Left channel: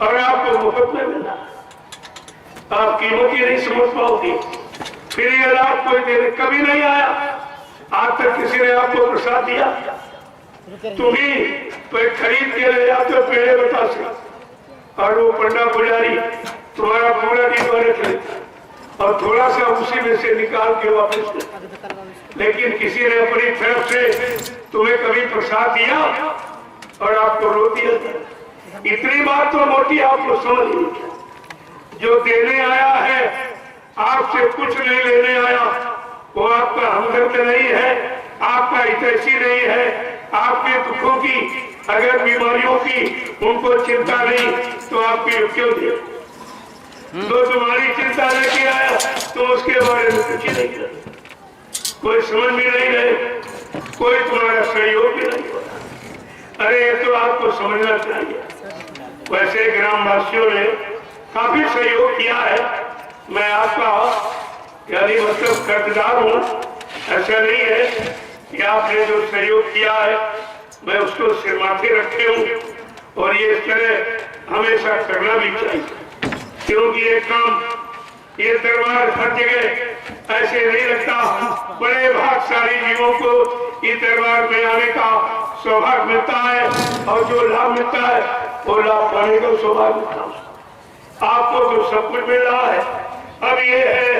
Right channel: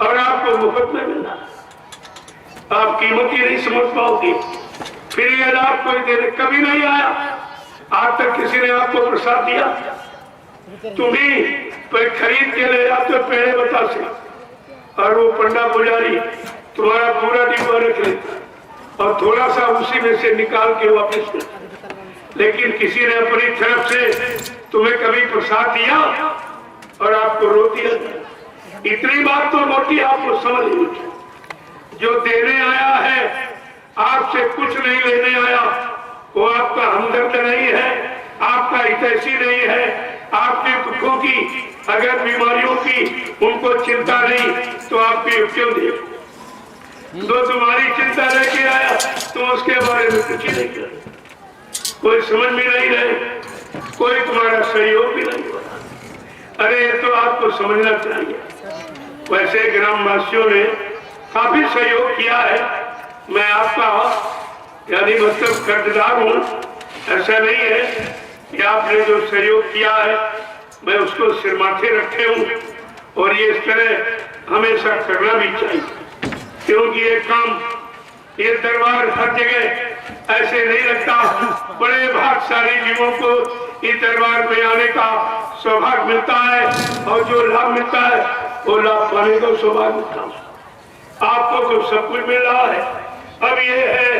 और आपको मुफ्त में मिलना, आप कीमत ही नहीं समझ पाओगे। फिर ये लाभ कोई देने कभी नहीं आया, आज तक किसी ने आपको प्रसाद दिया? तुम्हें खरीद के ले जाते हो पेड़े बता से, और वो पंडा पुजारी तुम्हारा पूरा डिब्बा रख लेता और थोड़ा सा उसी में से निकाल के वापस देता। लेकिन किसी ने अपनी तरफ से तुम्हें कभी प्रसाद दिया और आपको रो दिया? इतनी बात तो मोटी आपको समझ लीजिए, जो देने आया है आपसे कुछ नहीं लेने आया, वो आपका हमदर्द नहीं है, आपका हितैषी नहीं है। आपके दुखों की, अगर बीमारियों की उनको चिंता नहीं तो आपके क्यों दे? तो तुम्हारी चिंता लेके आया तो उसके बारे में कुछ नहीं कर, कोई समझ भी नहीं रहे, कोई तुम्हारा सहयोग भी नहीं हो रहा। अरे ये तो आपको समझना चाहिए। वैसे ग्रामवासियों ने काफी सहयोग किया है, मैं आपका यानी मतलब कर्जदार हूँ, ऐसा नहीं है कि आपने जो सहयोग किया है मैं उसको सिर माथे रखे हूँ। और ये इस तरह हमेशा करना भी चाहिए, क्योंकि ये काम, ये दरबार हर जगह ऐसे नहीं लगता। बड़े भाग्यशाली जीवों को इस दरबार में आने का सौभाग्य मिलता है, और जो लाभ मिलता है वो लाभ पाने का सौभाग्य मिलता है। आपको तो सब कुछ मिल रहा है। अब ये है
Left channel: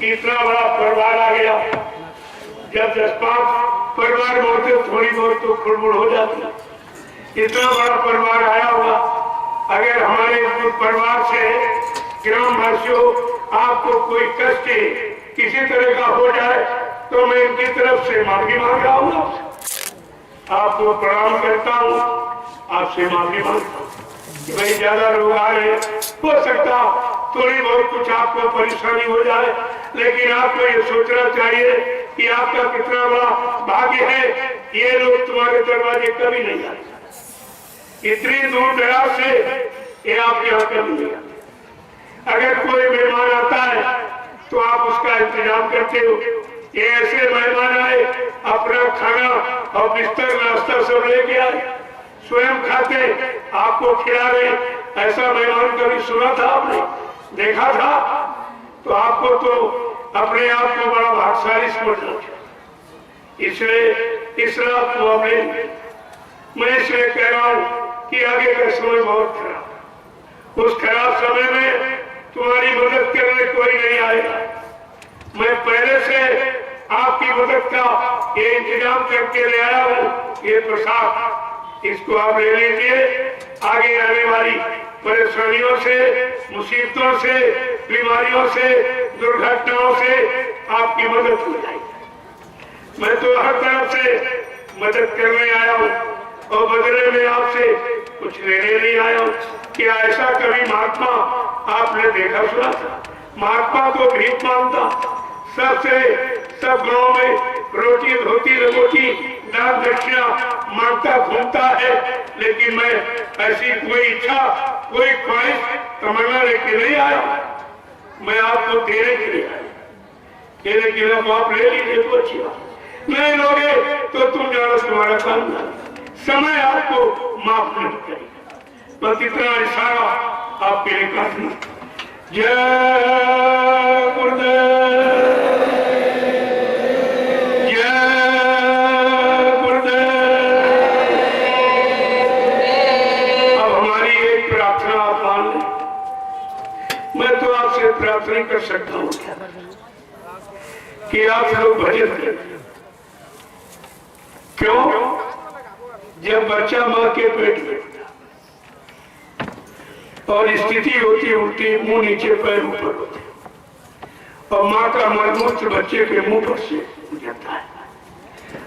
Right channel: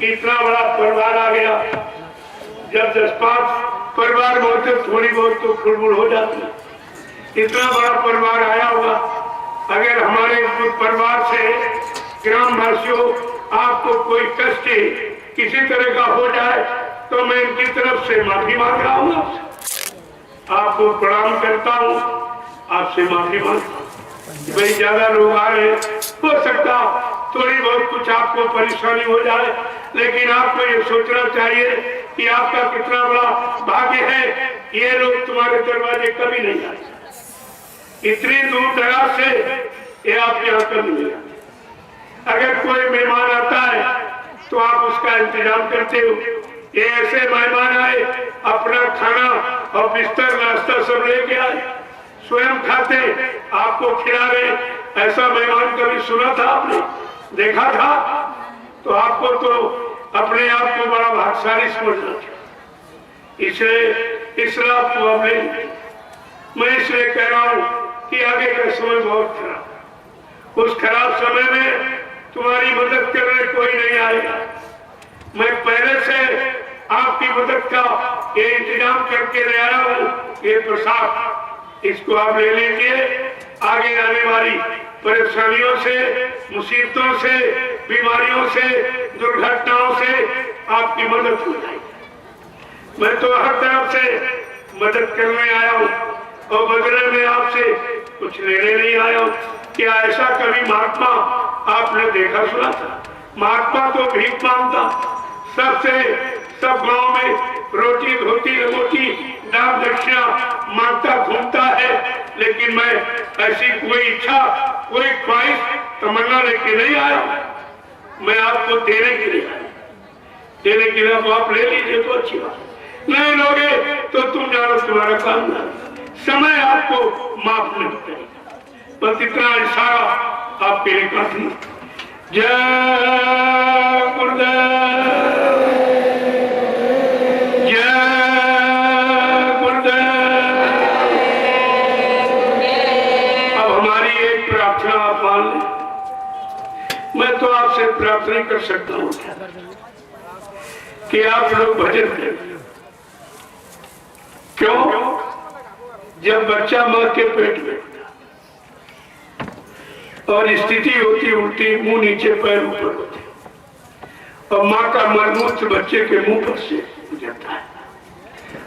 कि इतना बड़ा परिवार आ गया, जब 10-5 परिवार होते थोड़ी बहुत तो खुड़बुड़ हो जाती। इतना बड़ा परिवार आया होगा, अगर हमारे परिवार से ग्रामवासियों आपको कोई कष्ट किसी तरह का हो जाए तो मैं इनकी तरफ से माफी मांग रहा हूँ, आपको प्रणाम करता हूँ, आपसे माफी मांगता हूँ। भाई ज्यादा लोग आ रहे, हो सकता थोड़ी बहुत कुछ आपको परेशानी हो जाए, लेकिन आपको ये सोचना चाहिए कि आपका कितना बड़ा भाग्य है, ये लोग तुम्हारे दरवाजे कभी नहीं आते। इतनी दूर दराज से ये आप यहाँ कभी नहीं आते। अगर कोई मेहमान आता है तो आप उसका इंतजाम करते हो। ये ऐसे मेहमान आए, अपना खाना और बिस्तर नाश्ता सब लेके आए, स्वयं खाते, आपको खिला रहे। ऐसा मेहमान कभी सुना था आपने, देखा था? तो आपको तो अपने आप को बड़ा भाग्यशाली समझना चाहिए। इसलिए इस लाभ को आप ले, मैं इसलिए कह रहा हूँ कि आगे का समय बहुत खराब, उस खराब समय में तुम्हारी मदद करने कोई नहीं आएगा। मैं पहले से आपकी मदद का ये इंतजाम करके ले आया हूँ। ये प्रसाद, इसको आप ले लीजिए। आगे आने वाली परेशानियों से, मुसीबतों से, बीमारियों से, दुर्घटनाओं से आपकी मदद हो जाएगी। मैं तो हर तरफ से मदद करने आया हूँ और बदले में आपसे कुछ लेने नहीं आया हूँ। क्या ऐसा कभी महात्मा आपने देखा सुना था? महात्मा तो भीख मांगता, सबसे सब गांव में रोटी धोती लंगोटी दान दक्षिणा मांगता घूमता है, लेकिन मैं ऐसी कोई इच्छा, कोई ख्वाहिश, तमन्ना लेके नहीं आया। मैं आपको देने के लिए आया, देने के लिए आप ले लीजिए तो अच्छी बात, नहीं लोगे तो तुम जानो तुम्हारा काम ना, समय आपको माफ नहीं करेगा। बस इतना इशारा आपके लिए काफी। जय गुरुदेव, प्रार्थना कर सकता हूँ कि आप लोग भजन करें। क्यों? जब बच्चा मां के पेट में और स्थिति होती उल्टी, मुंह नीचे पैर ऊपर होते, और मां का मलमूत्र बच्चे के मुंह पर से गुजरता है।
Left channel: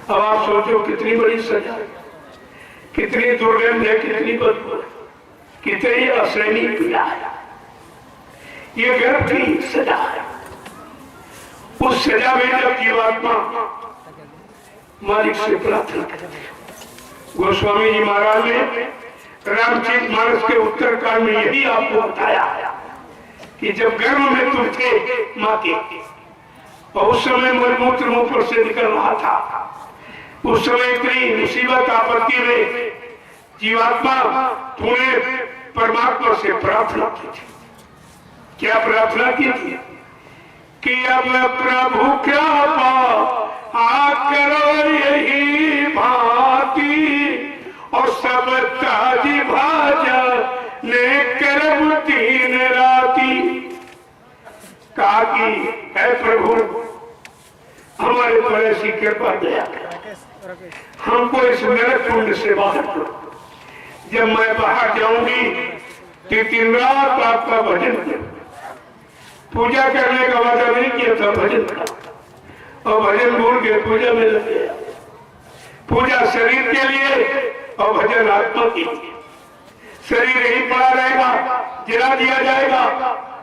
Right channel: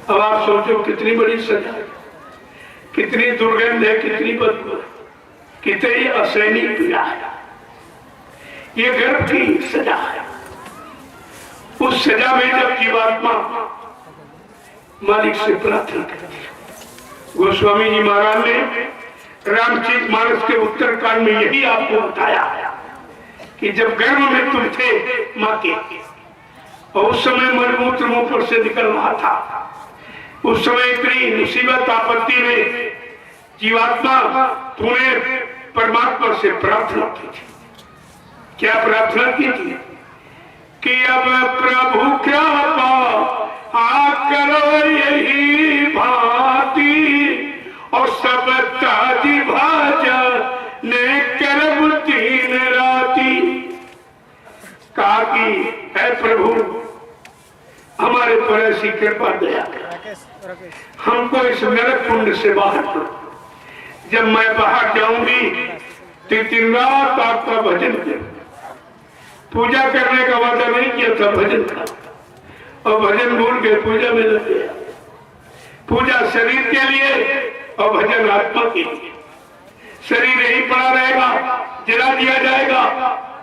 अब आप सोचो कितनी बड़ी सजा है, कितनी दुर्गंध है, कितनी बदबू है, कितनी असहनीय पीड़ा है। ये गर्भ की सजा है। उस सजा में जब जीवात्मा मालिक से प्रार्थना करती है, गोस्वामी जी महाराज ने रामचरित मानस के उत्तरकांड में यही आपको बताया कि जब गर्भ में तुम थे माँ के, और उस समय मलमूत्र मुंह पर से निकल रहा था, उस समय इतनी मुसीबत आपत्ति में जीवात्मा तुम्हें परमात्मा से प्रार्थना की थी। क्या प्रार्थना की थी कि अब प्रभु कृपा करो यही भांति और सब ताज भाजा ने करब दिन राती। कहा कि है प्रभु हमारे पर ऐसी कृपा दया हमको इस नरक कुंड से बाहर करो। जब मैं बाहर जाऊंगी तो दिन रात आपका भजन करूं। पूजा करने का वादा नहीं किया था, भजन का, और भजन भूल के पूजा में लग गया। पूजा शरीर के लिए और भजन आत्मा के लिए। शरीर यही पड़ा रहेगा, जला दिया जाएगा,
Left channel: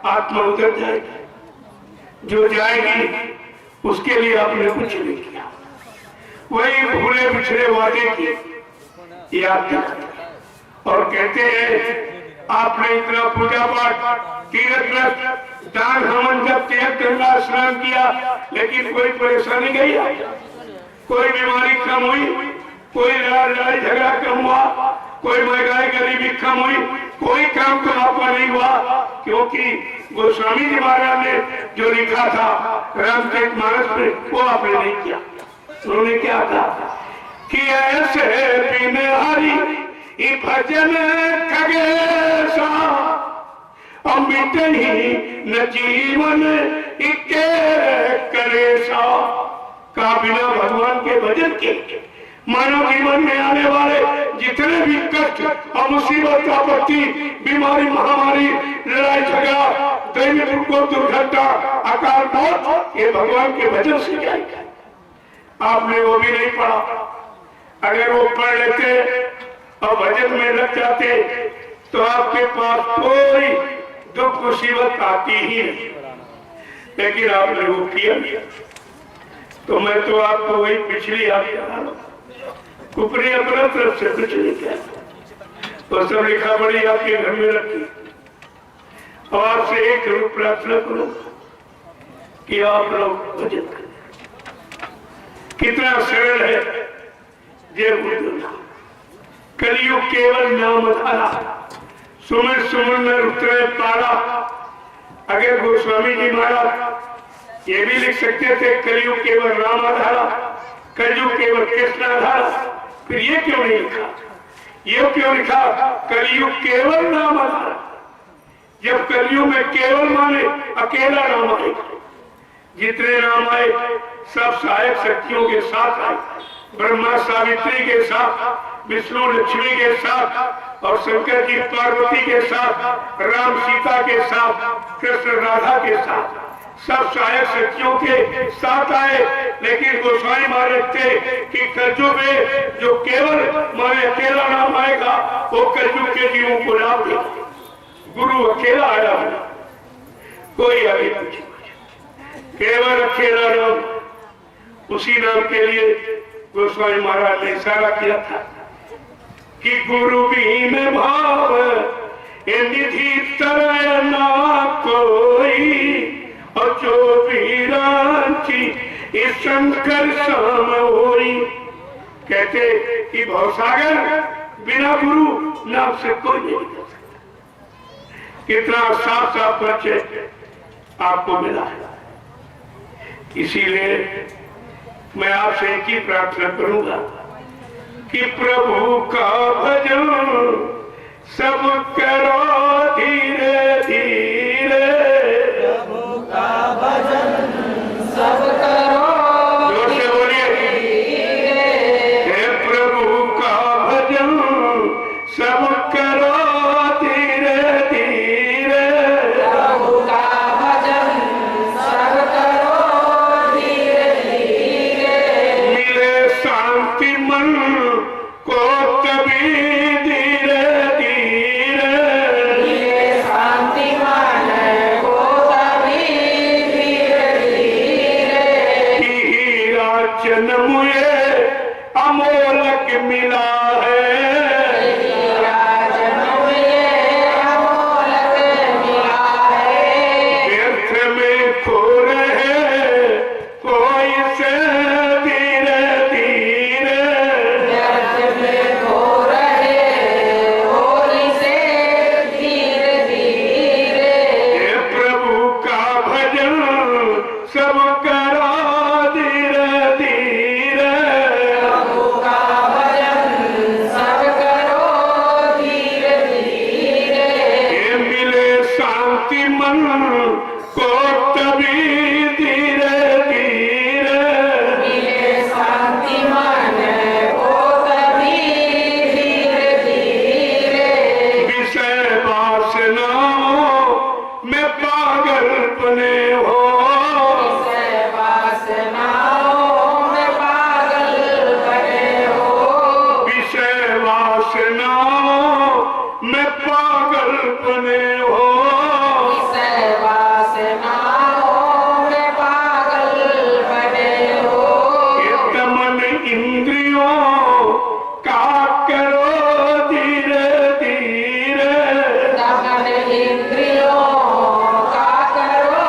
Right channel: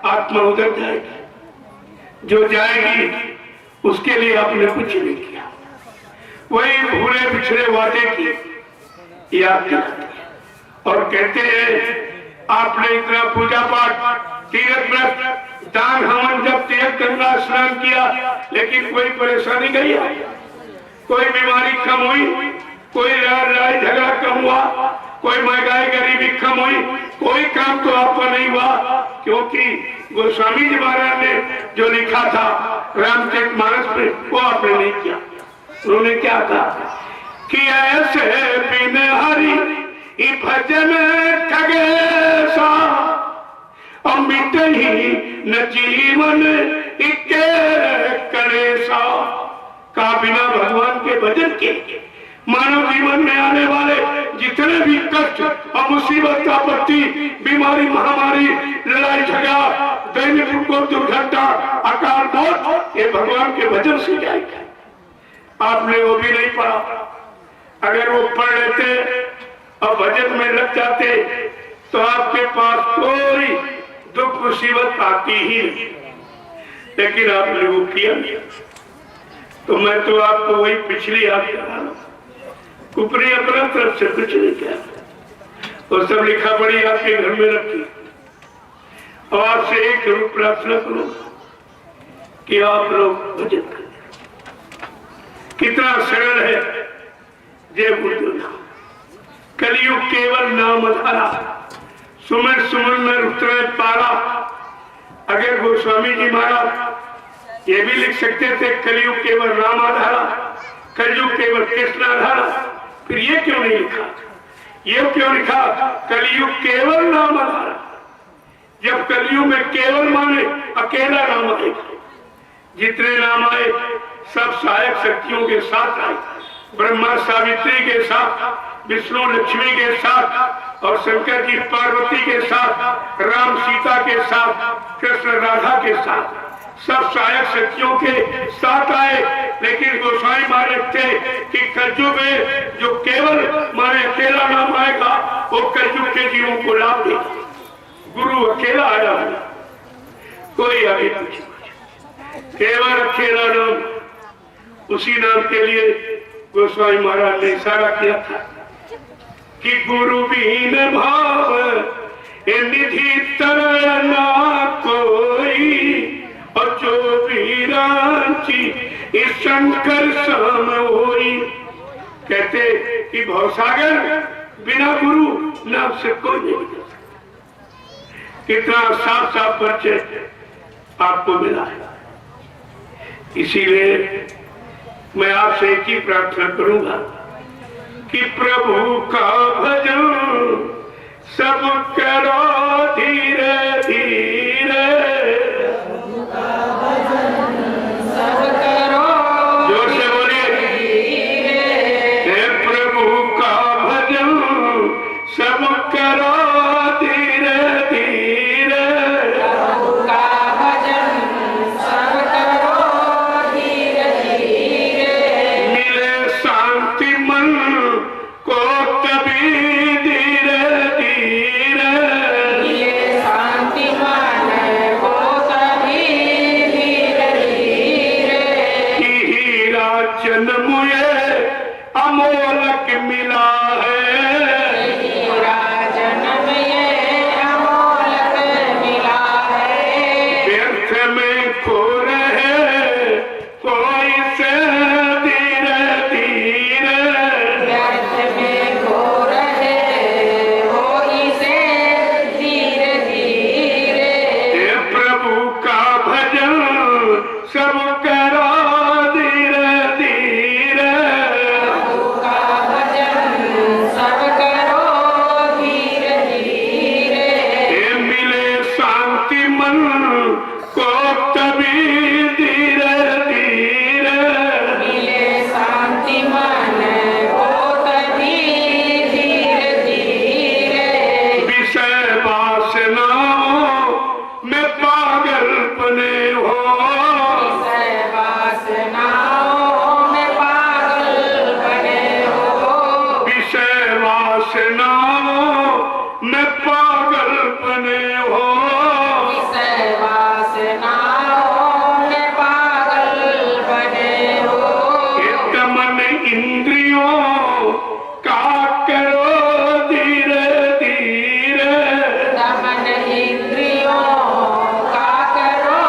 आत्मा उधर जाएगी। जो जाएगी उसके लिए आपने कुछ नहीं किया, वही भूले पिछले वादे की याद करते और कहते हैं आपने इतना पूजा पाठ, तीर्थ व्रत, दान हवन जब त्याग गंगा स्नान किया, लेकिन कोई परेशानी नहीं आई, कोई बीमारी कम हुई, कोई लड़ाई झगड़ा कम हुआ, कोई महंगाई गरीबी कम हुई, कोई काम तो आपका नहीं हुआ। क्योंकि गोस्वामी जी महाराज ने जो लिखा था रामचरितमानस में वो आपने नहीं किया। उन्होंने क्या कहा कि ऐसे बिन हरि भजन खगेशा अमित ही न जीवन इके करेसा। का बिना भगवान के भजन के मानव जीवन में आने वाले जितने भी कष्ट और मुसीबत, आपत्ति, बीमारी, महामारी, लड़ाई झगड़ा, दैनिक उपद्रव, दुर्घटना, अकाल मौत, ये भगवान के भजन से जाएगा। आपने वो भी नहीं पढ़ा। अगर वो पढ़ लेते और भजन में लग जाते तो आपके पास कोई दुख मुसीबत आती ही नहीं, लेकिन आपने वो किया नहीं। तो मैं तो आपको वही पिछली याद करा रहा हूं, ऊपरी अपना तरफ से कुछ नहीं किया। वो सब लिखा पड़ी आपके घर में रखी, और आपसे एक जरूर प्रार्थना करो कि आप लोग भजन करें। कितना सरल है जय गुरुदेव। कलयुग केवल नाम धारा, सुमिर सुमिर में उतरे पारा। अगर गोस्वामी जी महाराज ये भी लिख सकते थे कलयुग केवल राम आधारा, कलयुग केवल कृष्ण आधारा, फिर ये क्यों नहीं लिखा? ये क्यों लिखा कलयुग केवल नाम आधारा? जब कलयुग में केवल माने अकेला नाम आएगा। जितने नाम आए सब सहायक शक्तियों के साथ आए, ब्रह्मा सावित्री के साथ, विष्णु लक्ष्मी के साथ, और शंकर जी पार्वती के साथ, राम सीता के साथ, कृष्ण राधा के साथ, सब सहायक शक्तियों के साथ आए। लेकिन गोसाई महाराज थे कि कलयुग में जो केवल माने अकेला नाम आएगा वो कलयुग के जीवों को लाभ देगा। गुरु अकेला आया है, कोई आगे पीछे, केवल अकेला नाम। उसी नाम के लिए गोस्वामी महाराज ने इशारा किया था कि गुरु बीन भाव निधि तरह ना कोई, और जो भी रांची इस शंकर शाम होई। कहते कि भवसागर बिना गुरु नाम से कोई नहीं कर सकता। कितना साफ साफ परिचय आपको मिला है। इसीलिए मैं आपसे एक ही प्रार्थना करूंगा कि प्रभु का भजन सब करो धीरे धीरे। प्रभु का भजन सब करो, जोर से बोलिए, हे प्रभु का भजन सब करो धीरे धीरे। प्रभु का भजन सब करो धीरे धीरे। मिले शांति मन को कभी धीरे धीरे। अपने हो, विषय वासनाओं में पागल बने हो। ये मन इंद्रियों का करो धीरे धीरे, दमन इंद्रियों का करो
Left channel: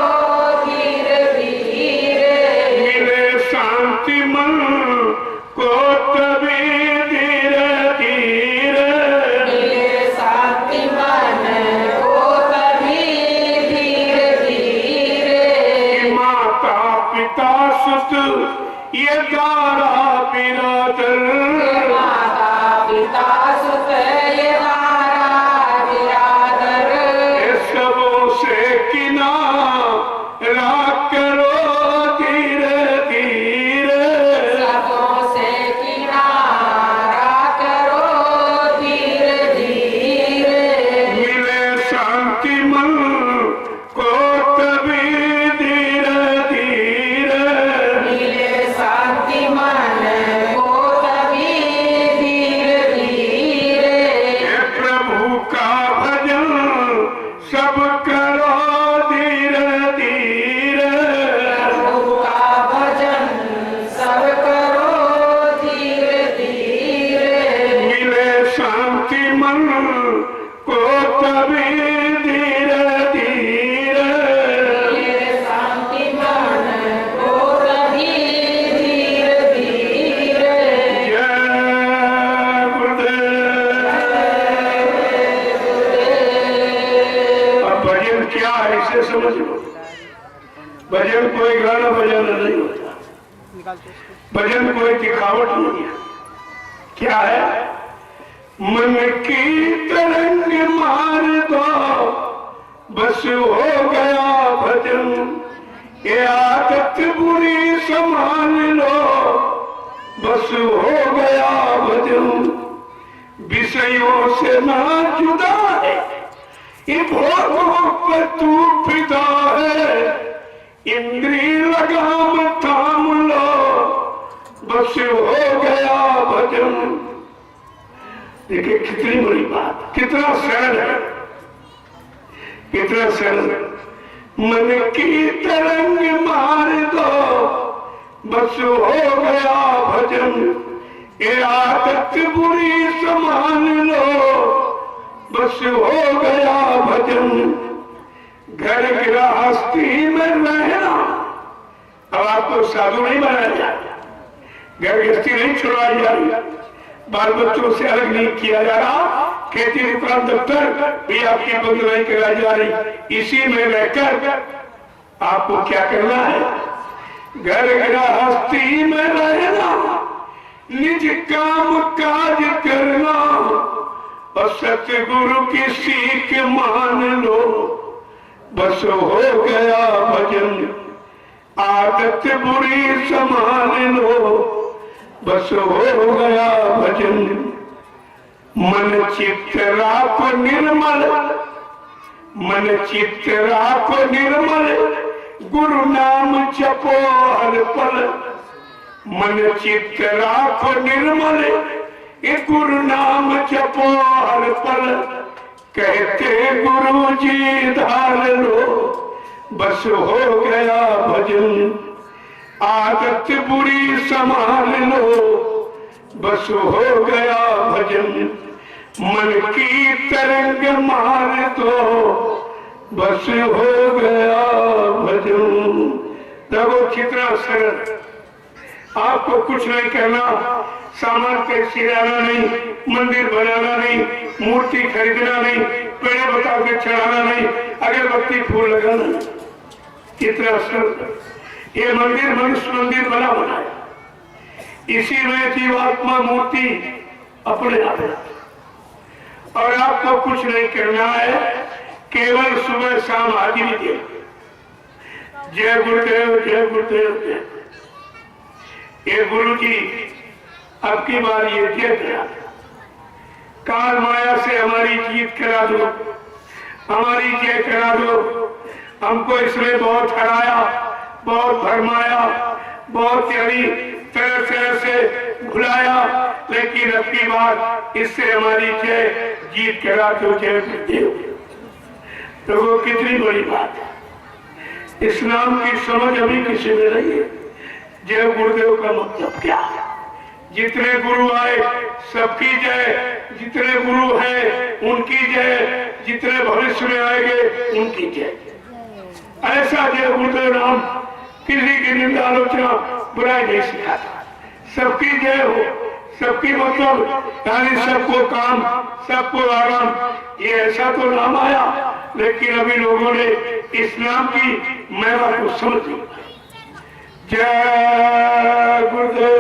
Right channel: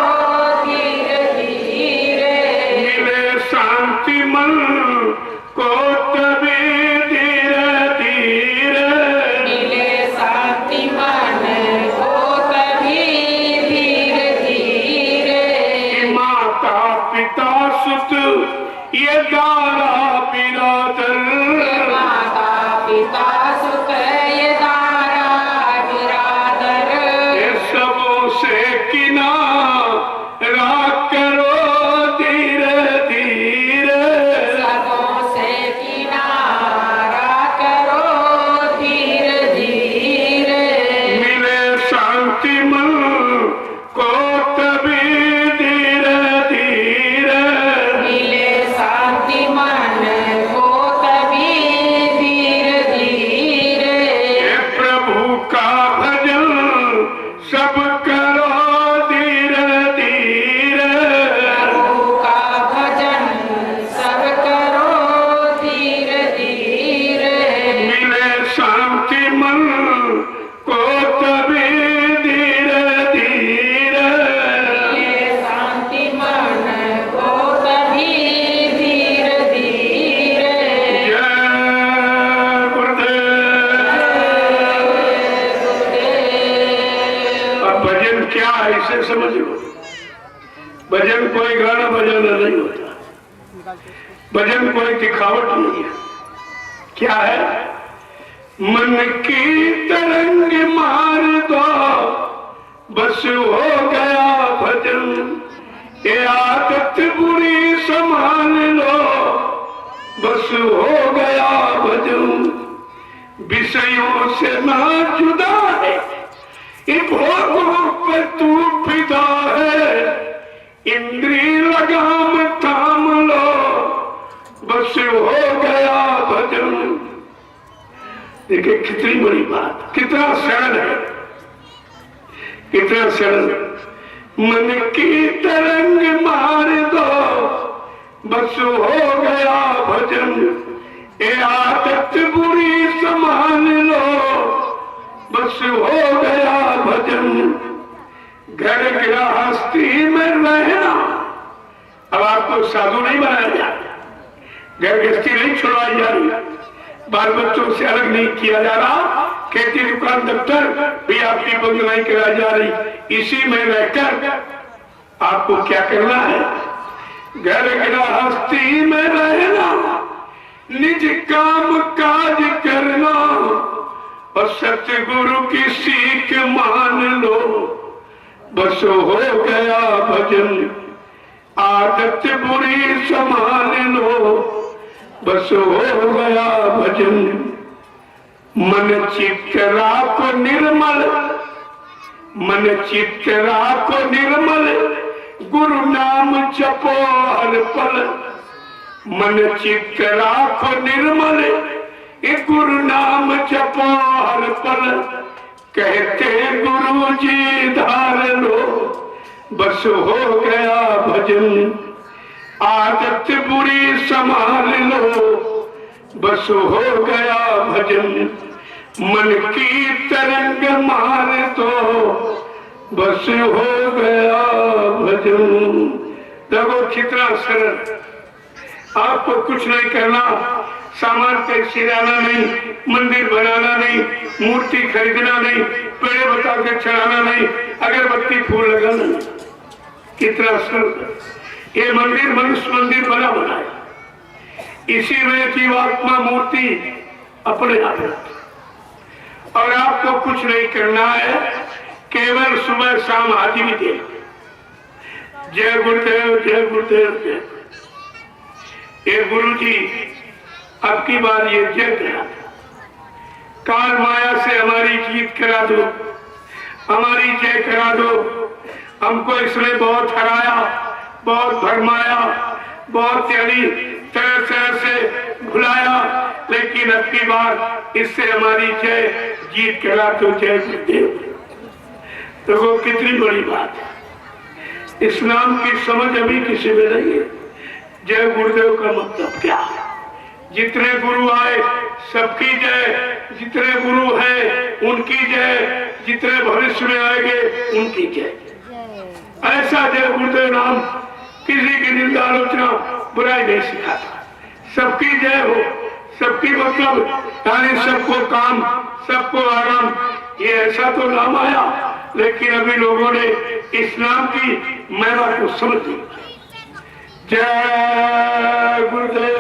धीरे धीरे। मिले शांति मन को तभी धीरे धीरे, मिले शांति मन को तभी धीरे धीरे। माता पिता सुत ये दारा बिरादर, माता पिता सुत ये दारा बिरादर, ये सबों से किनारा करो धीरे धीरे, सबों से किनारा करो धीरे धीरे। मिले शांति मन को तभी धीरे धीरे, मिले शांति मन को तभी धीरे धीरे। हे प्रभु का भजन सब करो धीरे धीरे, प्रभु का भजन सब करो धीरे धीरे। मिले शांति मन को तभी धीरे धीरे, मिले शांति मन को तभी धीरे धीरे। जय गुरुदेव। अब भजन क्या है इसे समझ लो। भजन कोई गाना बजाना नहीं होता, भजन कोई दिखावट नहीं है। क्या है? मन की तरंग मार दो, बस हो गया भजन। ये आदत बुरी संभाल लो, बस हो गया भजन। विषयों से ना जुदा है, ये भोगों पर तू फिदा है। इंद्री लगाम थाम लो, बस हो गया भजन। देखिए कितनी बड़ी बात, कितना सरल है, कितना सरल। मन की तरंग मार दो, बस हो गया भजन। ये आदत बुरी संभाल लो, बस हो गया भजन। घर गृहस्थी में रहना, अब आपको साधु नहीं बनाया जा रहा, घर गृहस्थी नहीं छुड़वाई जा रही, बाल बच्चों से अलग नहीं किया जा रहा, खेती दुकान दफ्तर भी आपकी बंद नहीं कराई जा रही। इसी में रहकर आपको क्या करना है? घर गृहस्थी में रहना, निज काम काज करना, और सतगुरु की सीख मान लो, बस हो गया भजन। आदत बुरी संभाल लो, बस हो गया भजन। मन चित्त राखो निर्मल, मन चित्त राखो निर्मल, गुरु नाम जपो हर पल। मन चित्त राखो निर्मल, ये गुरु नाम जपो हर पल। कहते गुरु जी धार लो, बस हो गया भजन। आदत बुरी संभाल लो, बस हो गया भजन। मन की तरंग मार दो, बस हो गया भजन। देखो कितना सरल, आपको कुछ नहीं करना, सामान कैसे लाना नहीं, मंदिर बनाना नहीं, मूर्ति खरीदना नहीं, पेड़ बता के चढ़ाना नहीं, अगरबत्ती फूल लगाना नहीं। कितना सरल। ये मंदिर मनुष्य मंदिर बना हुआ है, इसी में जीवात्मा मूर्ति अपने आप है। और आपको कुछ नहीं करना है, केवल सुबह शाम हाजिरी दे। जय गुरुदेव, जय गुरुदेव, जय। ये गुरु जी अब की बार ये जय करा, काल माया से हमारी जीत करा दो, हमारी जय करा दो। हमको इसने बहुत हराया, बहुत भरमाया, बहुत यानी तरह तरह से भुलाया, लेकिन अब की बार इससे हमारी जय जीत करा दो। जय गुरुदेव। देखो कितनी बड़ी बात है। इस्लाम की समझ अभी किसी में नहीं है। जय गुरुदेव का मतलब क्या है? जितने गुरु आए सबकी जय, जितने गुरु हैं उनकी जय, जितने भविष्य में आएंगे उनकी जय। ऐसा जय गुरुदेव नाम किसी की निंदा आलोचना बुराई नहीं सिखाता। सबकी जय हो, सबकी मतलब यानी सबको काम, सबको आराम, ये ऐसा तो नाम आया। लेकिन अभी लोगों ने इस्लाम की महिमा को समझ ली। जय गुरुदेव,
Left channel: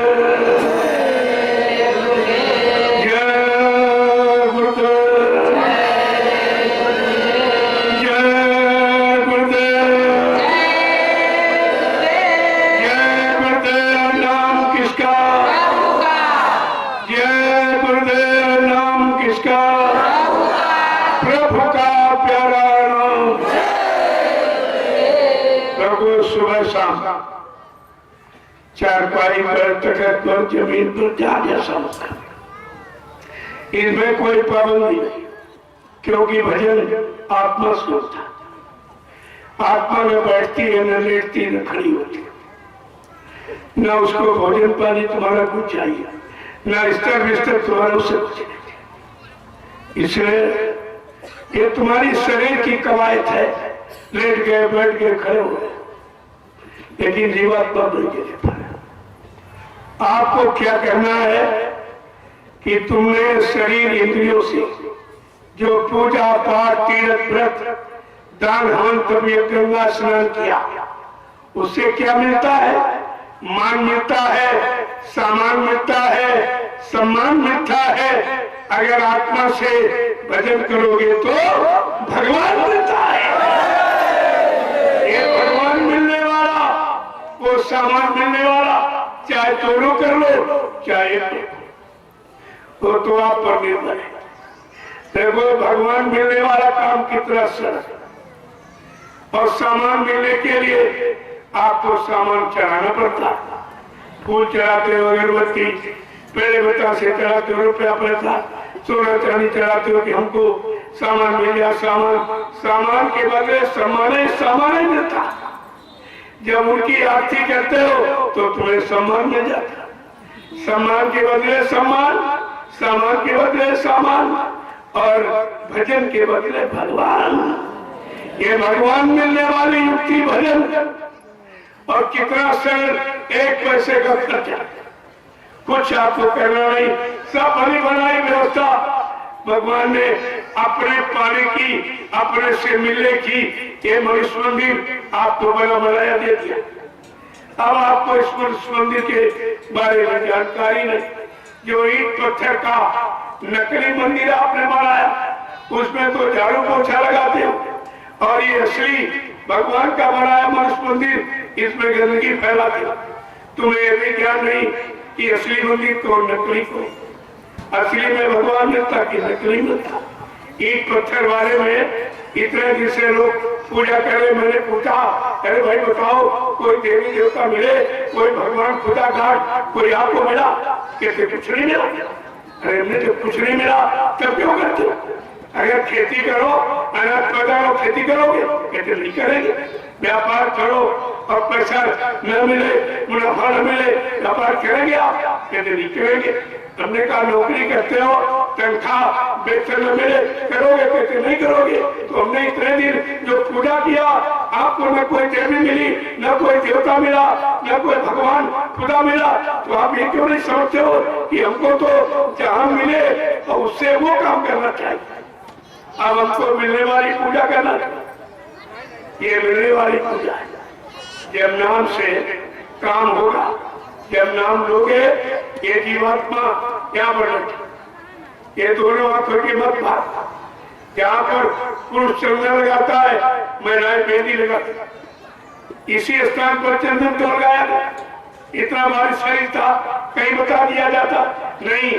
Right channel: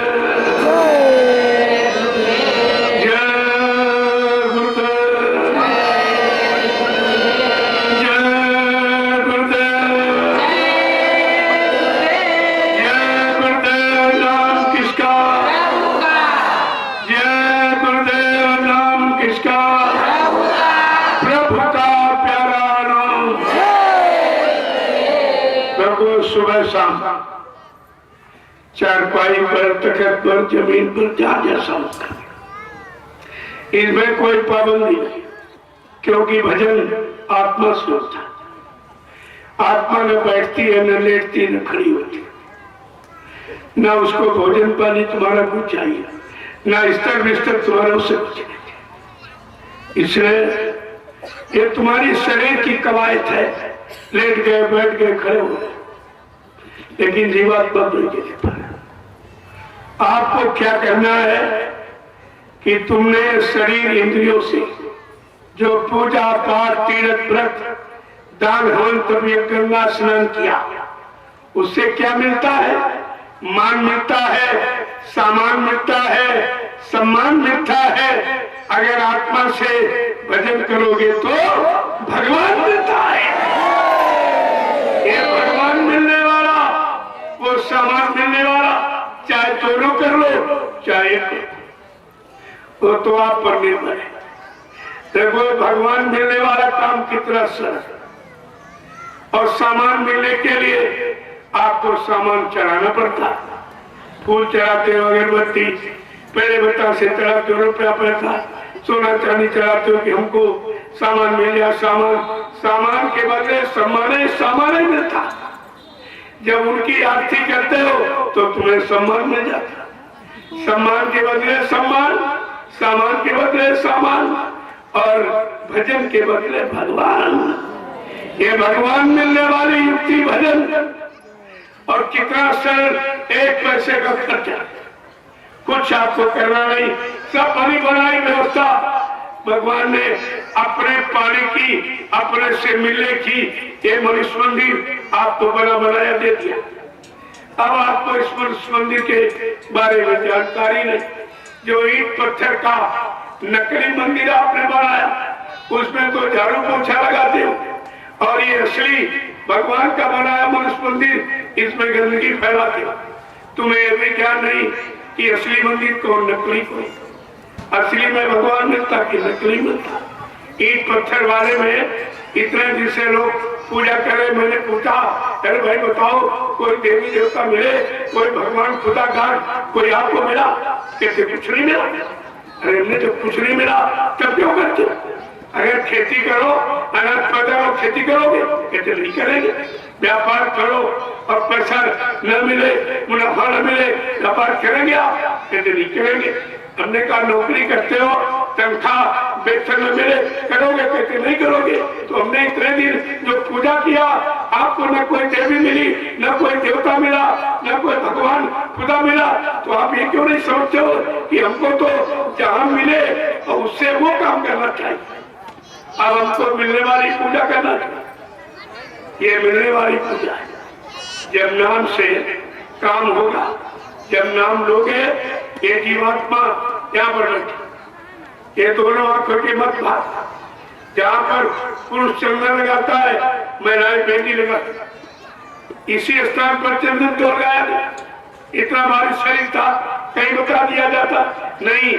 सुबह शाम चारपाई पर, तखत पर, जमीन पर जहाँ जैसा होता, इनमें कोई पाबंदी नहीं, क्योंकि भजन आत्मा से होता है। आत्मा न बैठती है, न लेटती, न खड़ी होती, न उसको भोजन पानी तुम्हारा कुछ चाहिए, न स्तर बिस्तर तुम्हारा उससे कुछ नहीं। इसलिए ये तुम्हारी शरीर की कवायद है, लेट गए, बैठ गए, खड़े हो गए, लेकिन जीवात्मा नहीं देता है। आपको क्या करना है कि तुमने शरीर इंद्रियों से जो पूजा पाठ, तीर्थ व्रत, दान हवन, तबीयत, गंगा स्नान किया, उससे क्या मिलता है? मान मिलता है, सामान मिलता है, सम्मान मिलता है। अगर आत्मा से भजन करोगे तो भगवान मिलता है। ये भगवान मिलने वाला, वो सामान मिलने वाला, चाहे दोनों कर लो चाहे वो तो आप पर निर्भर है। देखो भगवान मिलने वाला काम कितना सरल है, और सामान मिलने के लिए आपको सामान चढ़ाना पड़ता है। फूल चढ़ाते हो, अगरबत्ती, पेड़ बता से चढ़ाते हो, रुपया पैसा, सोना चांदी चढ़ाते हो कि हमको सामान मिल गया। सामान के बदले सामान ही मिलता। जब उनकी आरती करते हो तो तुम्हें सम्मान मिल जाता। सम्मान के बदले सम्मान, सामान के बदले सामान, और भजन के बदले भगवान। ये भगवान मिलने वाली युक्ति भजन। और कितना सरल, एक पैसे का खर्चा, कुछ आपको करना नहीं, सब बनी बनाई व्यवस्था भगवान ने अपने पाने की, अपने से मिलने की। ये मनुष्य मंदिर आपको बना बनाया दे दिया। अब आपको इस मनुष्य मंदिर के बारे में जानकारी नहीं। जो ईंट पत्थर का नकली मंदिर आपने बनाया, उसमें तो झाड़ू पोछा लगाते हो, और ये असली भगवान का बनाया मनुष्य मंदिर, इसमें गंदगी फैलाते हो। तुम्हें ये भी ज्ञान नहीं कि असली मंदिर को, नकली को, असली में भगवान मिलता कि नकली मिलता। ईंट पत्थर वाले में इतने दिन से लोग पूजा करे। मैंने पूछा, अरे भाई बताओ, कोई देवी देवता मिले, कोई भगवान खुदा घाट कोई आपको मिला? कहते कुछ नहीं मिला। अरे हमने तो कुछ नहीं मिला, तब क्यों करते? अगर खेती करो, अनाज पैदा करो, खेती करोगे? कहते नहीं करेंगे। व्यापार करो और पैसा न मिले, मुनाफा न मिले, व्यापार करेंगे आप? कहते नहीं करेंगे। हमने कहा नौकरी करते हो, तनख्वाह वेतन न मिले, करोगे? कहते नहीं करोगे। तो हमने इतने दिन जो पूजा किया, आपको न कोई देवी मिली, न कोई देवता मिला, न कोई भगवान खुदा मिला, तो आप ये क्यों नहीं समझते हो कि हमको तो जहां मिले और उससे वो काम करना चाहिए। अब हमको मिलने वाली पूजा करना चाहिए। ये मिलने वाली पूजा है। जब नाम से काम होगा, जब नाम लोगे, ये जीवात्मा यहाँ पर बैठे, ये दोनों आंखों के मत भाग। जहाँ पर पुरुष चंदन लगाता है, महिलाएं मेहंदी लगाती, इसी स्थान पर चंदन तोड़ गया। इतना भारी शरीर था, कहीं बता दिया जाता नहीं।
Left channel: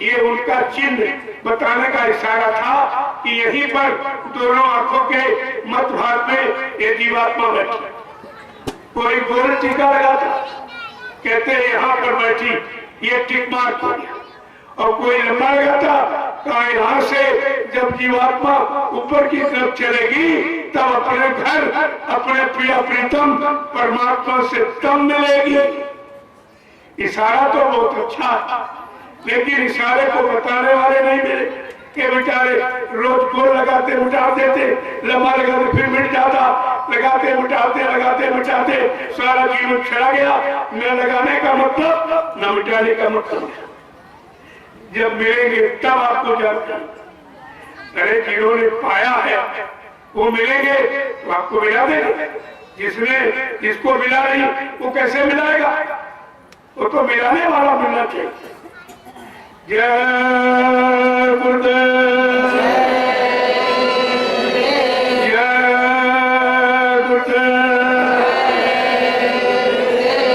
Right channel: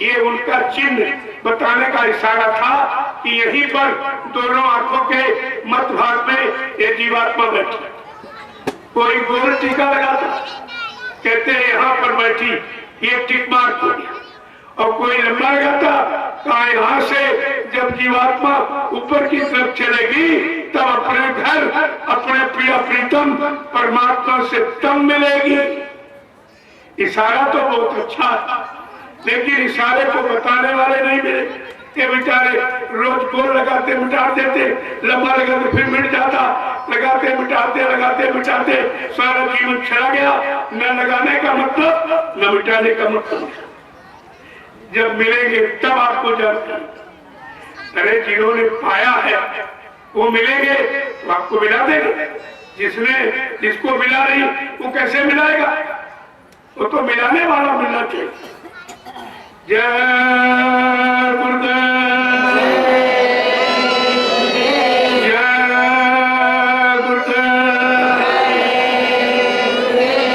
ये उनका चिन्ह बताने का इशारा था कि यहीं पर दोनों आंखों के मध्य भाग में ये जीवात्मा बैठी। कोई गोल टीका लगाता, कहते हैं यहाँ पर बैठी, ये टिक मार्क हो गया। और कोई लंबा लगाता, कहा यहाँ से जब जीवात्मा ऊपर की तरफ चलेगी तब अपने घर, अपने प्रिय प्रीतम परमात्मा से तब मिलेगी। इशारा तो बहुत अच्छा है, लेकिन इशारे को बताने वाले नहीं मिले। के बेचारे रोज गोल लगाते मिटा देते, लंबा लगाते फिर मिट जाता, लगाते मिटाते लगाते मिटाते सारा जीवन चला गया। न लगाने का मतलब न मिटाने का मतलब। जब मिलेंगे तब आपको जानकारी। अरे जिन्होंने पाया है वो मिलेंगे तो आपको मिला देंगे। जिसको मिला नहीं वो कैसे मिलाएगा? वो तो मिलाने वाला मिलना चाहिए। जय गुरुदेव, जय गुरुदेव।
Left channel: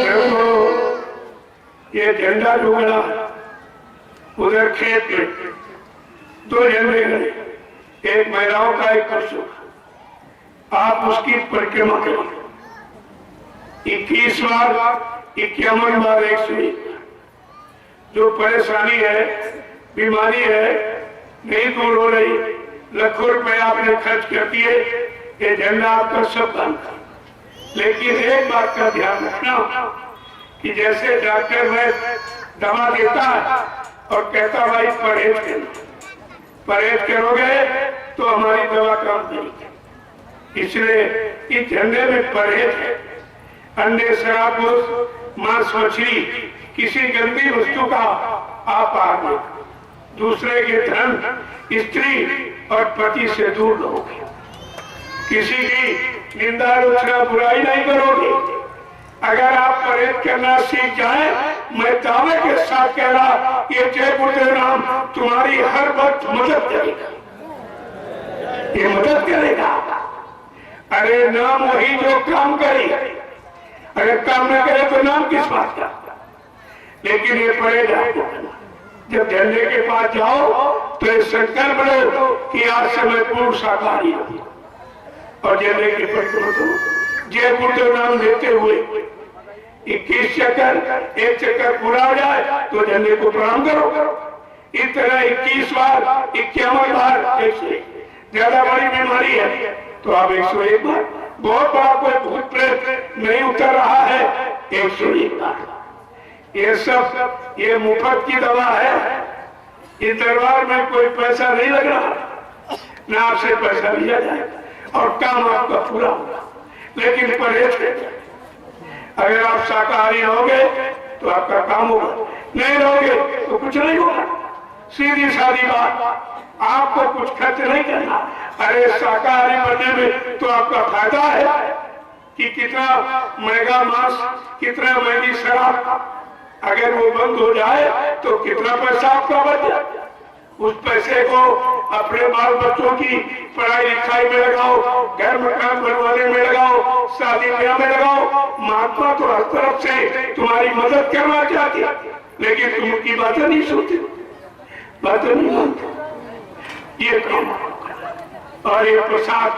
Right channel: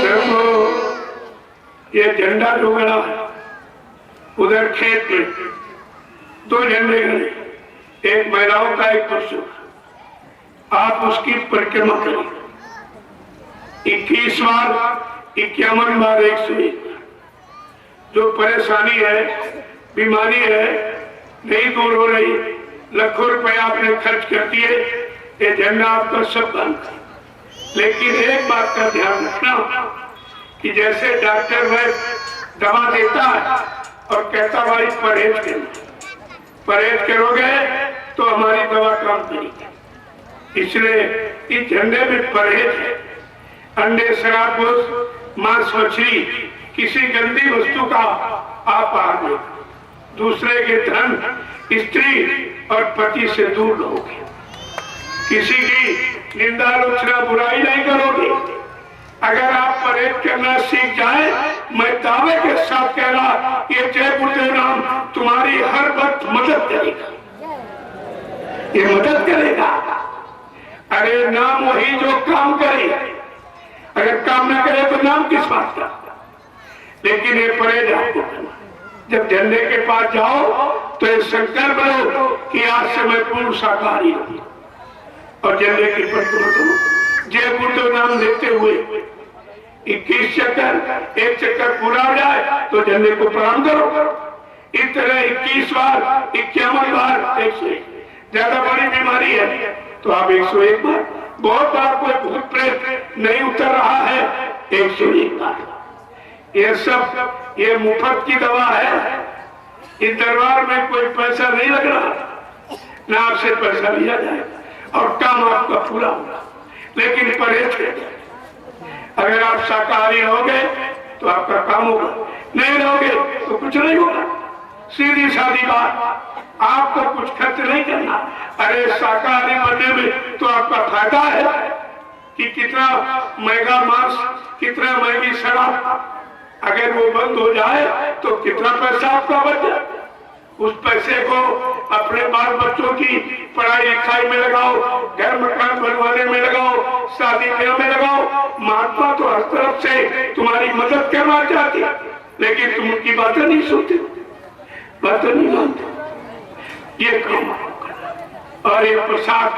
देखो ये झंडा जो गड़ा उधर खेत में 2 झंडे गड़े, एक महिलाओं का एक पुरुषों का। आप उसकी परिक्रमा करें 21 बार, 51 बार, 101। जो परेशानी है, बीमारी है, नहीं दूर हो रही, लाखों रुपए आपने खर्च कर दिए, ये झंडा आपका सब बंद। लेकिन एक बात का ध्यान रखना कि जैसे डॉक्टर वैद्य दवा देता है और कहता भाई परहेज करोगे तो हमारी दवा काम करेगी। इसलिए इस झंडे में परहेज है। अंडे, शराब, मांस, मछली, किसी गंदी वस्तु का आप आगे, दूसरे के धन, स्त्री और पति से दूर रहोगे। किसी की निंदा, आलोचना, बुराई नहीं करोगे। अगर आप परहेज करना सीख जाए, मैं दावे के साथ कह रहा, ये जय गुरुदेव नाम तुम्हारी हर वक्त मदद करेगा। ये मदद करेगा। अरे नाम वही जो काम करे, अगर काम न करे तो नाम किस बात का? लेकिन ये परहेज आपको करना। जब झंडे के पास जाओ तो ये संकल्प लो कि आज से मैं पूर्ण शाकाहारी हूं और झंडे की परिक्रमा करो। जय गुरुदेव नाम लेते हुए 21 चक्कर, एक चक्कर पूरा हो जाए तो झंडे को प्रणाम करो। इस तरह 21 बार, 51 बार, 101। ज्यादा बड़ी बीमारी है तो आप 101 बार। बहुत बार कोई भूत प्रेत नहीं उतर रहा है, 101 बार। ये सब ये मुफ्त की दवा है। इस दरबार में कोई पैसा नहीं लग रहा, ना आपसे पैसा लिया जाएगा और काम आपका पूरा होगा। लेकिन परहेज करें। अगर आप शाकाहारी होगे तो आपका काम होगा, नहीं रहोगे तो कुछ नहीं होगा। सीधी सादी बात, आपको कुछ खर्च नहीं करना। अरे शाकाहारी बनने में तो आपका फायदा है कि कितना महंगा मांस, कितना महंगी शराब, अगर वो बंद हो जाए तो कितना पैसा आपका बच जाए। उस पैसे को अपने बाल बच्चों की पढ़ाई लिखाई में लगाओ, घर मकान बनवाने में लगाओ, शादी ब्याह में लगाओ। महात्मा तो हर तरफ से तुम्हारी मदद करना चाहती, लेकिन तुम उनकी बातें नहीं सुनते, बातें नहीं मानते। ये काम और ये प्रसाद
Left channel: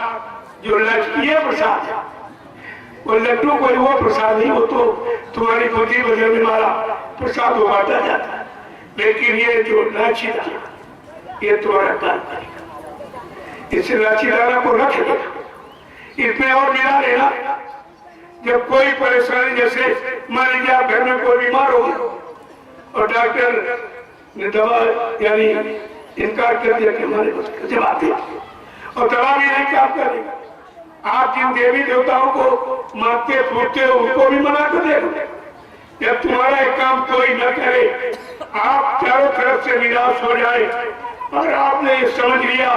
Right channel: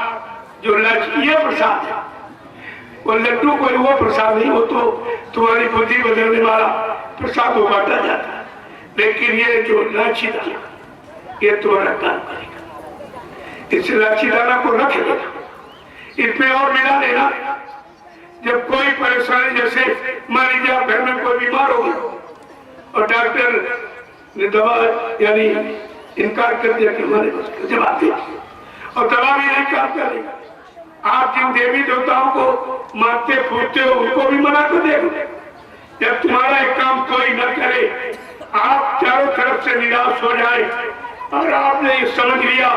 जो ये प्रसाद है, वो लड्डू कोई वो प्रसाद नहीं, वो तो तुम्हारी बुद्धि बदलने वाला प्रसाद को बांटा जाता है। लेकिन ये जो लाची दाना, ये तुम्हारा काम करेगा। इस लाची दाना को रख लेना, इसमें और मिला लेना। जब कोई परेशानी, जैसे मान लीजिए आप घर में कोई बीमार हो और डॉक्टर ने दवा यानी इनकार कर दिया कि हमारे पास जवाब दे और दवा भी नहीं काम करेगा। आप जिन देवी देवताओं को मानते फूटते हो उनको भी मना कर देगा। जब तुम्हारा एक काम कोई न करे, आप चारों तरफ से निराश हो जाए और आपने ये समझ लिया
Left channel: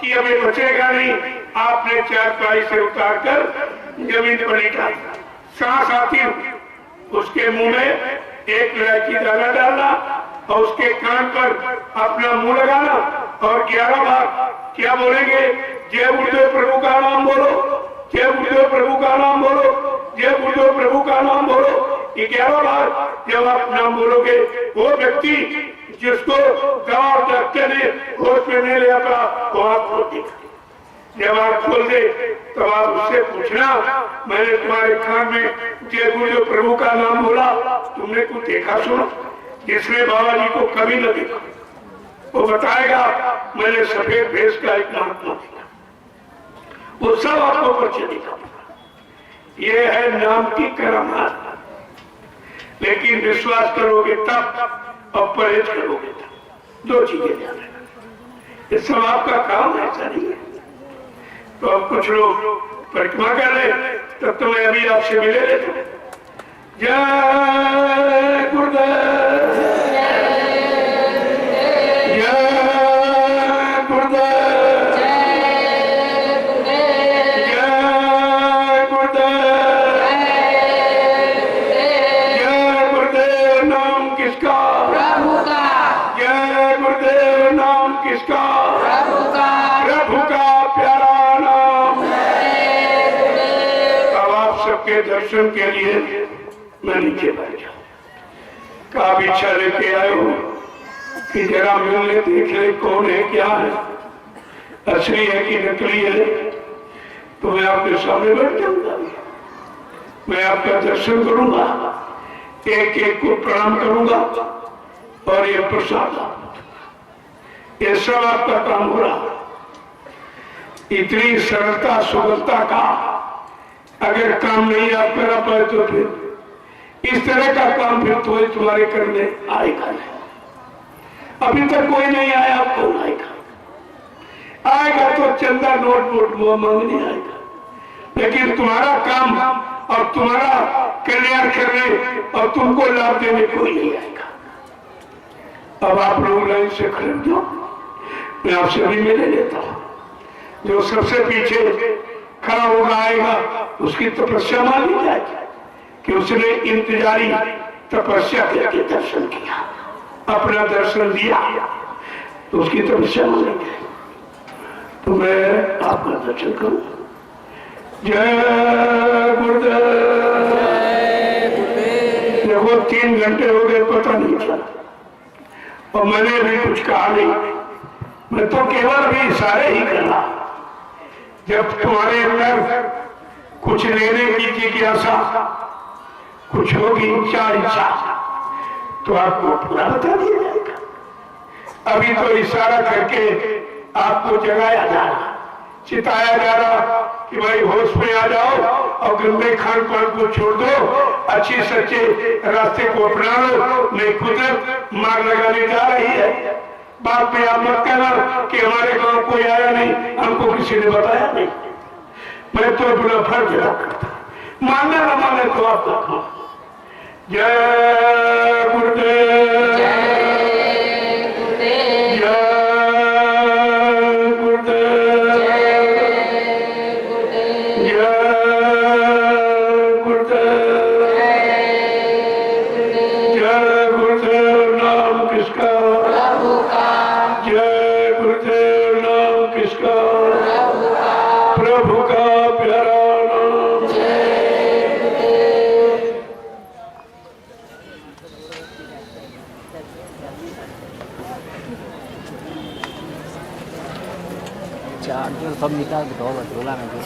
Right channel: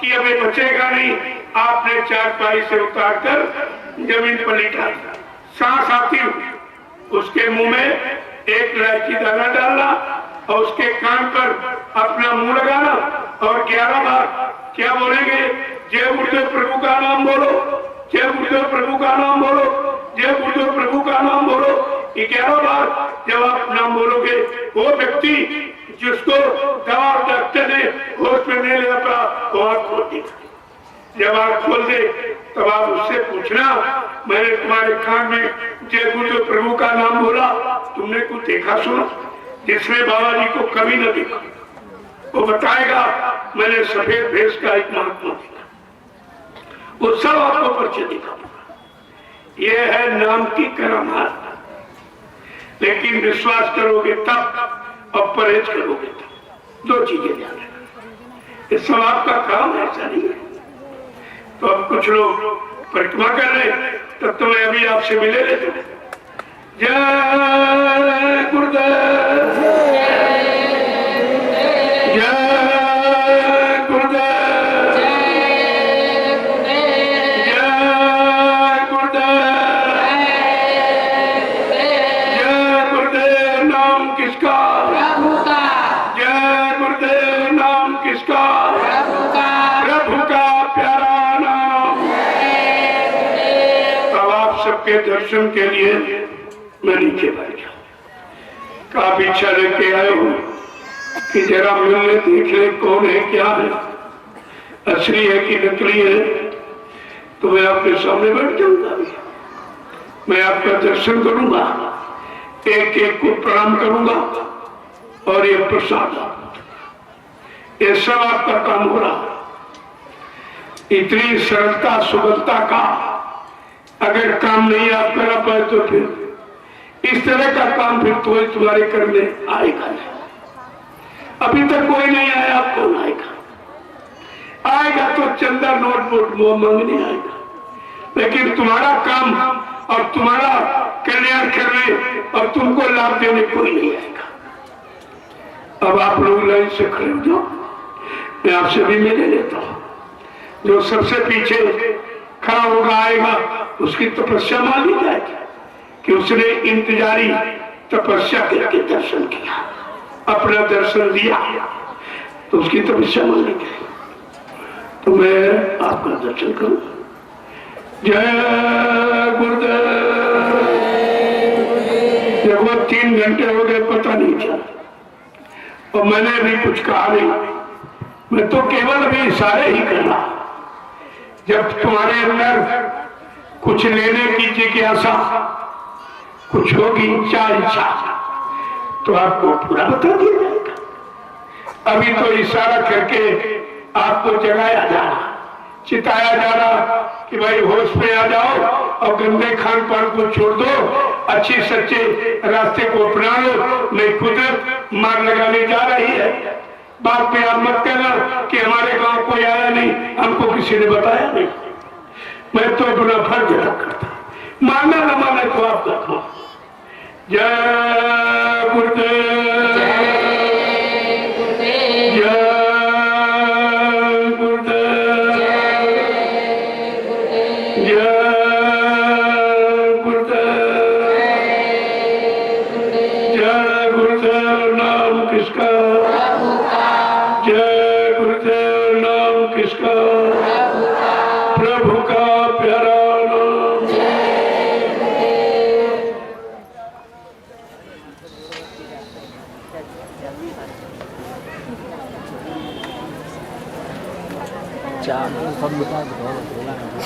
कि हमें बचेगा नहीं, आपने चारपाई से उतार कर जमीन पर लिटा, सांस आती उसके मुंह में एक इलायची दाना डालना और उसके कान पर अपना मुंह लगाना और 11 बार क्या बोलेंगे? जय गुरुदेव प्रभु का नाम बोलो, जय गुरुदेव प्रभु का नाम बोलो, जय गुरुदेव प्रभु का नाम बोलो। 11 बार जब आप नाम बोलोगे, वो व्यक्ति जिसको दवा और डॉक्टर ने होश में नहीं लिया था वो आँख खोल दी। जब आप खोल दे तब आप उससे पूछना, मैंने तुम्हारे कान में जय गुरुदेव प्रभु का नाम बोला, तुमने कुछ देखा सुना? जिसने बाबा जी को कभी न देखा वो बताएगा मैंने सफेद भेष का एक महात्मा देखा, वो सब आपको परिचय दिखा। ये है नाम की करामात, लेकिन विश्वास करोगे तब और परहेज करोगे तब, दो चीजें ध्यान रखना। ये सब आपका काम है, ऐसा नहीं है। तो अब कुछ लोग परिक्रमा कर रहे, तब तो मैं अभी आपसे मिले लेता हूं। जय गुरुदेव, जय गुरुदेव, जय गुरुदेव, जय गुरुदेव। नाम किसका? प्रभु का। जय गुरुदेव। नाम किसका? प्रभु का। प्रभु का प्यारा नाम। अब आप सबके दर्शन के लिए मैं नीचे बैठ गया। आप इच्छा लेके आए हो कि जरा मिलने देख ले कौन है, क्या है, असली है कि नकली है, तो मैं आपके सामने बैठ जाऊंगा। मैं आपका दर्शन करूंगा, एक एक को प्रणाम करूंगा और ये प्रसाद, ये सब आपका काम हो रहा। इतनी सरलता सुगमता का अगर काम नहीं आप करा पाए तो फिर इस तरह का काम फिर तो तुम्हारे करने आएगा नहीं। अभी तक कोई नहीं आया, आप कौन आएगा? आएगा तो चंदा नोट वो मांगने आएगा, लेकिन तुम्हारा काम और तुम्हारा कल्याण करने और तुमको लाभ देने कोई नहीं आएगा। अब आप लोग लाइन से खड़े हो जाओ, मैं आपसे भी मिले लेता हूँ। जो सबसे पीछे खड़ा होगा आएगा, उसकी तपस्या मान ली जाएगी कि उसने इंतजारी तपस्या करके दर्शन किया, अपना दर्शन दिया, तो उसकी तपस्या मानेंगे। तो मैं आपका दर्शन करूं। जय गुरुदेव। देखो 3 घंटे हो गए, पता नहीं चला, और मैंने भी कुछ कहा नहीं। मैं तो केवल भी इशारे ही कर रहा। जब तुम्हारे अंदर कुछ लेने की जिज्ञासा कुछ होगी, इच्छा, तो आपको पूरा बता दिया जाएगा। अभी तो इशारा करके आपको जगाया जा रहा, चिताया जा रहा कि भाई होश में आ जाओ और गंदे खान पान को छोड़ दो, अच्छी सच्चे रास्ते को अपना लो, नहीं कुदरत मार लगाने जा रही है। बात में आप मत कहना कि हमारे गांव कोई आया नहीं, हमको किसी ने बताया नहीं। मैं तो अपना फर्ज अदा करता, मानना न माने तो आप देखो। जय गुरुदेव, जय गुरुदेव, जय गुरुदेव, जय गुरुदेव। नाम किसका? प्रभु का। जय गुरुदेव। नाम किसका? प्रभु का प्यारा नाम। 자, 겁니다. 너무 놀라는 거.